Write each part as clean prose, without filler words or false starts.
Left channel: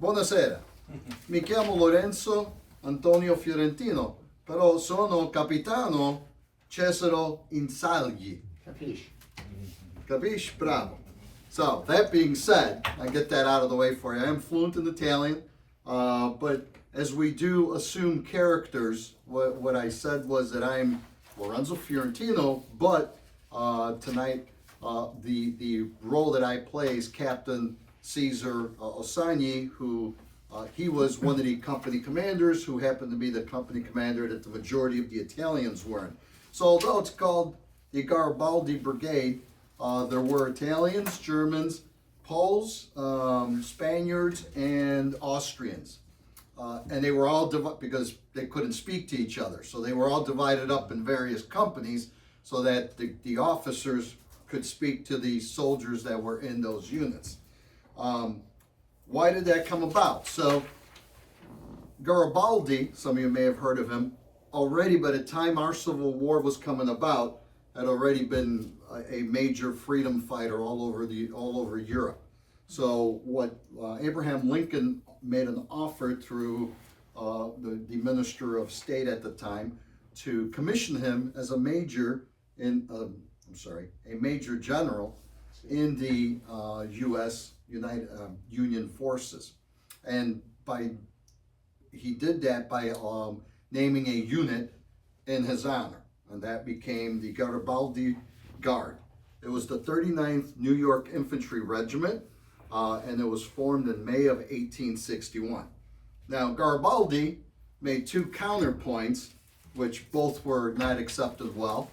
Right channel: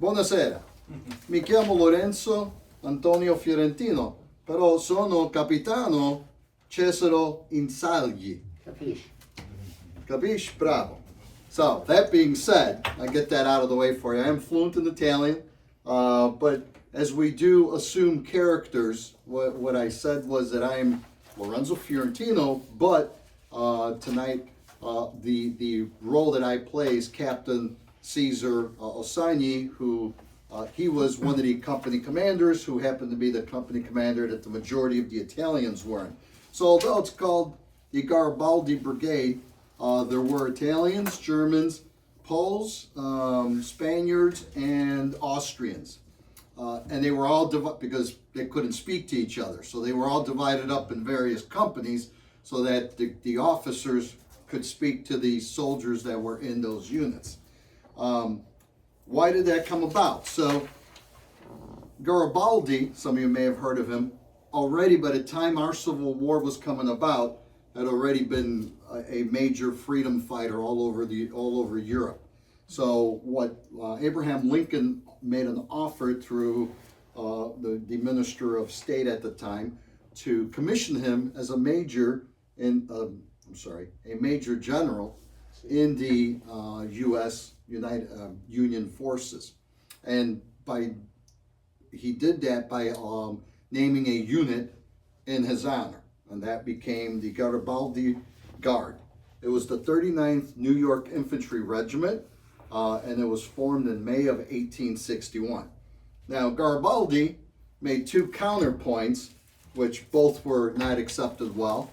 Buonasera, mi chiamo Lorenzo Antonio Fiorentino, però sono capitano Cesaro Insagli. Capisci? Capisci? Bravo. So, that being said, I get that out of the way for you. I am fluent in Italian, but as we do assume characters, what I said was that I'm Lorenzo Fiorentino, but tonight the role that I play is Captain Caesar Osagni, who he was one of the company commanders who happened to be the company commander that the majority of the Italians were in. So although it's called the Garibaldi Brigade, there were Italians, Germans, Poles, Spaniards, and Austrians. And they were all because they couldn't speak to each other. So they were all divided up in various companies so that the officers could speak to the soldiers that were in those units. Why did that come about? So Garibaldi, some of you may have heard of him, already by the time our Civil War was coming about, had already been a major freedom fighter all over Europe. So what Abraham Lincoln made an offer through the Minister of State at the time to commission him as a major a major general in the U.S. Union forces, and he did that by naming a unit in his honor, and that became the Garibaldi Guard. It was the 39th New York Infantry Regiment, and it was formed in May of 1861. Now, Garibaldi made two counterpoints, which both were not accepted well.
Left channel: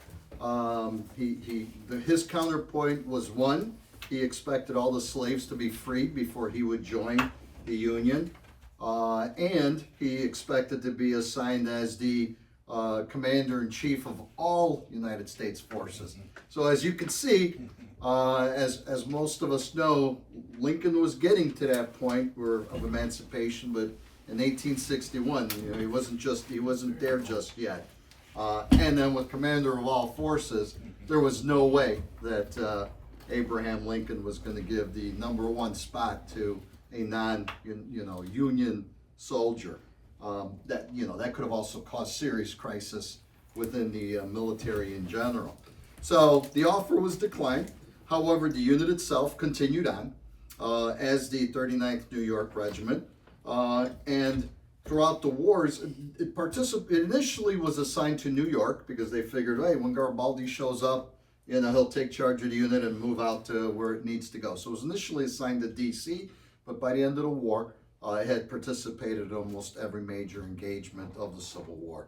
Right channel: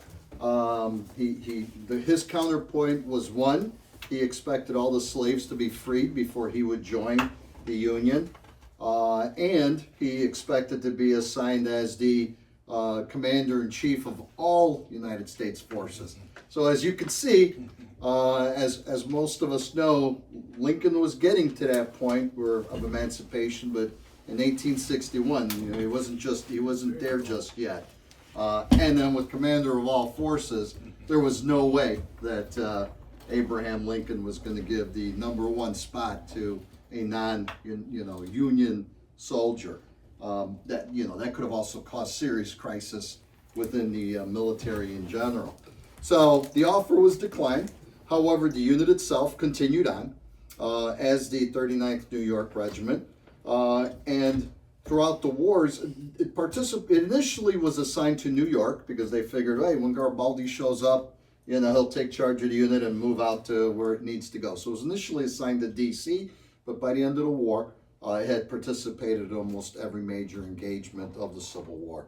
His counterpoint was one, he expected all the slaves to be freed before he would join the Union, and he expected to be assigned as the commander-in-chief of all United States forces. So as you can see, as most of us know, Lincoln was getting to that point of emancipation, but in 1861, he wasn't there just yet. And then with commander of all forces, there was no way that Abraham Lincoln was going to give the #1 spot to a non-Union soldier. That could have also caused serious crisis within the military in general. So the offer was declined. However, the unit itself continued on as the 39th New York Regiment, and throughout the wars, it initially was assigned to New York because they figured, hey, when Garibaldi shows up, he'll take charge of the unit and move out to where it needs to go. So it was initially assigned to D.C., but by the end of the war, it had participated in almost every major engagement of the Civil War.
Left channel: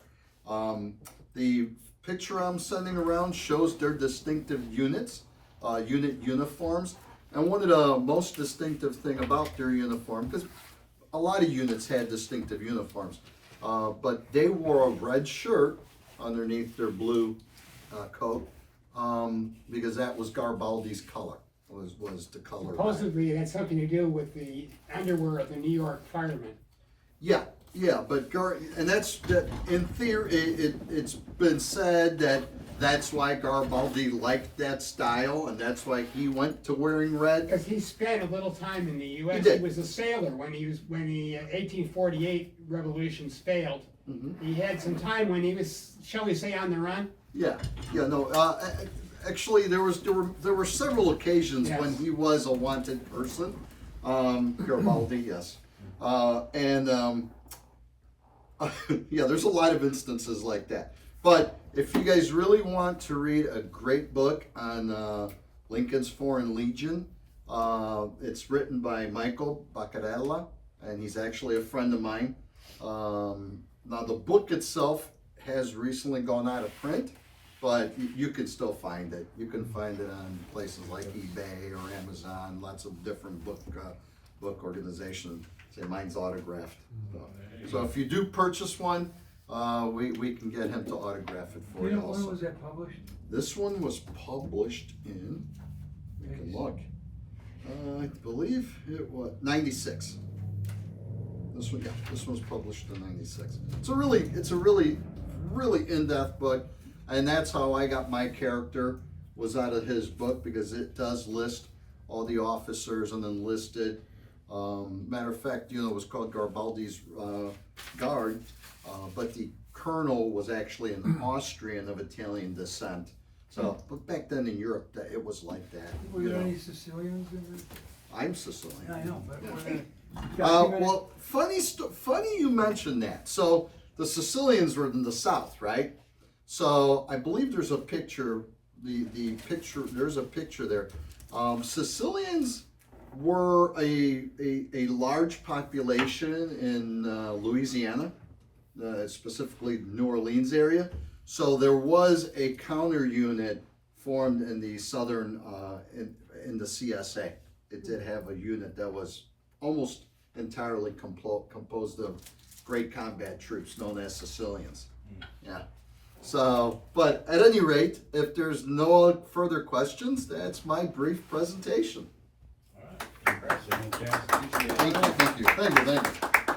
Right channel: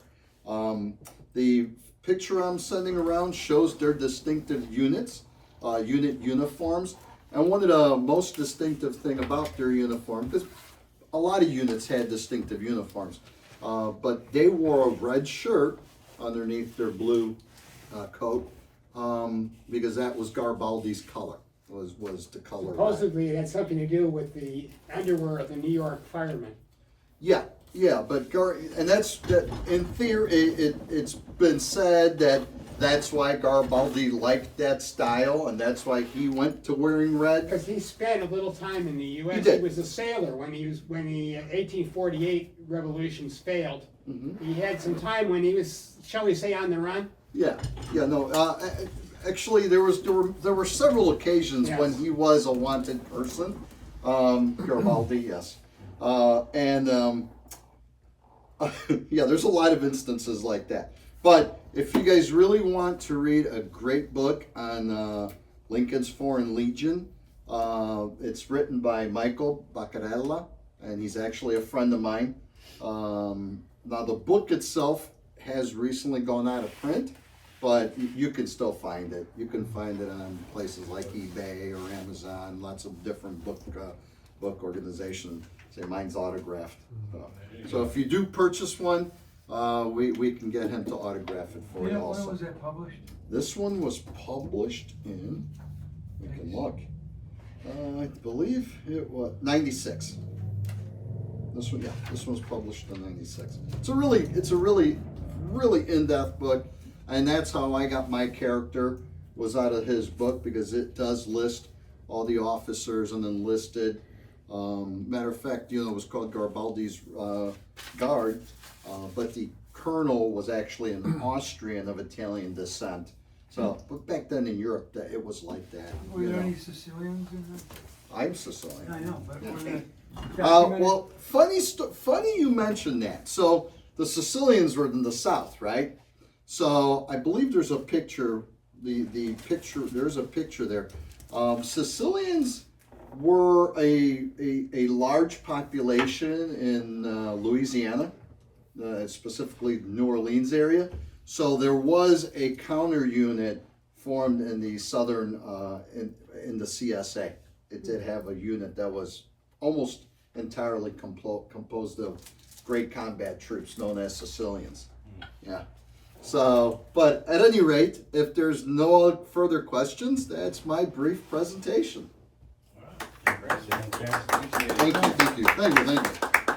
The picture I'm sending around shows their distinctive unit uniforms. And one of the most distinctive thing about their uniform, because a lot of units had distinctive uniforms, but they wore a red shirt underneath their blue coat because that was Garibaldi's color, was the color. Supposedly it had something to do with the underwear of the New York firemen. Yeah, but in theory, it's been said that that's why Garibaldi liked that style, and that's why he went to wearing red. Because he spent a little time in the U.S. He did. He was a sailor when the 1848 revolutions failed. Mm-hmm. He had some time when he was, shall we say, on the run. Actually, there were several occasions yes. when he was a wanted person. Garibaldi, yes, there's a lot of instances like that. But if you guys really want to read a great book on Lincoln's Foreign Legion, it's written by Michael Baccarella, and he's actually a friend of mine. Now, the book itself has recently gone out of print, but you can still find it. You can find it on places like eBay or Amazon, lots of different book organizations. Say mine's autographed. So if you do purchase one, we can get him to autograph it for you also. When was that published? This one was published in, we can look, I believe it was 96. This one's published in 96. It's a really in-depth book, and that's how I got my character, was out of his book, because it does list all the officers and enlisted Matter of fact, it was called Garibaldi's Guard, but the colonel was actually an Austrian of Italian descent. So, but back then in Europe, it was like that. Were there any Sicilians in that? I'm Sicilian. Yeah, I know, but were they? Well, funny you mentioned that. So the Sicilians were in the south, right? So I believe there's a picture. The picture, there's a picture there. Sicilians were a large population in Louisiana, specifically New Orleans area. So there was a counter unit formed in the southern in the CSA. It did have a unit that was almost entirely composed of great combat troops known as Sicilians. Yeah. So, but at any rate, if there's no further questions, that's my brief presentation. All right. Congrats. Thank you.